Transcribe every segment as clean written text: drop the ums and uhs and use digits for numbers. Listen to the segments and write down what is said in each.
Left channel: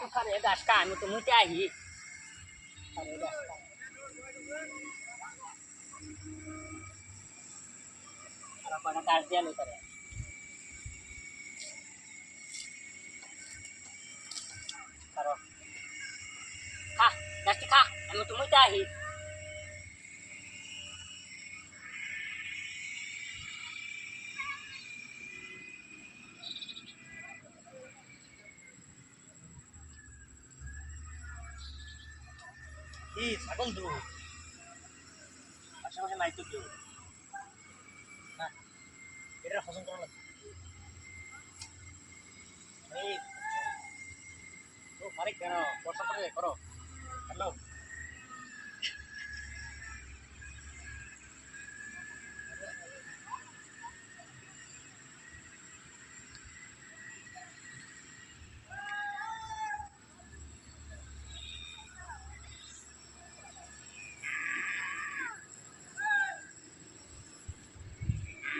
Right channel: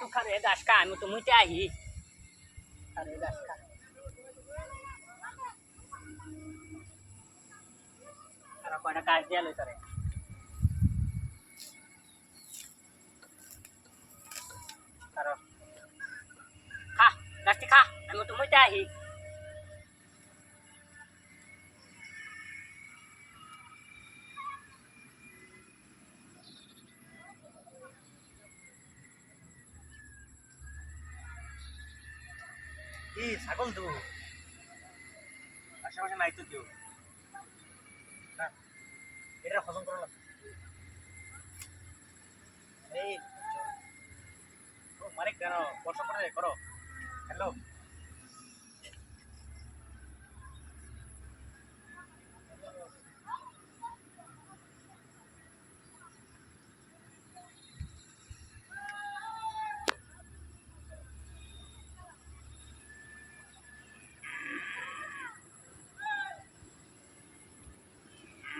तू खरे दास का आम्ही तो मुते आहे खरे दास का अरे बड़ा काट दिया लो तरे करो खा दास खा आम्ही तो मुते आहे এই ছাগল তো আশেপাশে নাই তো কেউ না এটা হজম করা লাগবে এই ও মারে কেন বর্ষা করে করো হ্যালো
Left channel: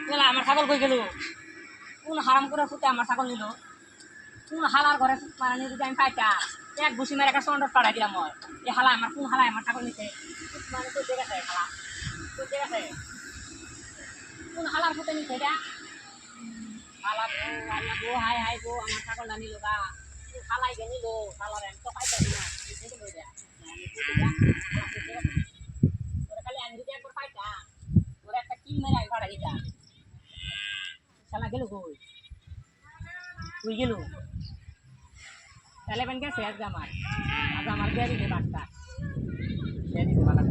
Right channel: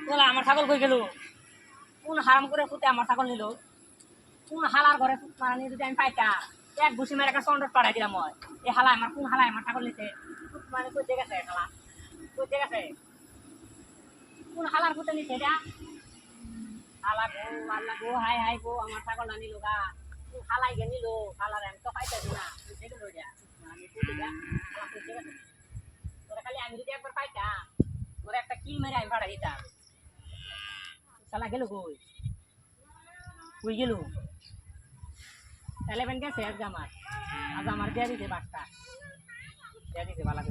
বলে আমার ছাগল কই গেল কোন হারাম করে ফুটে আমার ছাগল নিল কোন হালার ঘরে মারা নিয়ে যদি আমি পাইতা এক ঘুষি মেরে একটা সন্ডস পাঠাই দিলাম এই হালায় আমার কোন হালায় আমার ছাগল নিতে মানে কই দেখেছে হালা কই দেখেছে কোন হালার ফুটে নিছে এটা হালা গো আল্লাহ গো হাই হাই গো আমার ছাগলটা নিল গা হালাই গে নিল হালার আমি তো পাইতাছি না দেখে লই যা আমি কই দিলা হালা কই দেখেছে তোরা খালি আমি যদি একবার পাইতাম তোরা একটা কিল মেরে আমি পাঠাই দিতাম শালা গেল কই কই গেল তাহলে বেন গেছে আজ আমার দিয়ে দিতে বাচ্চা দিয়ে দিতে ভালো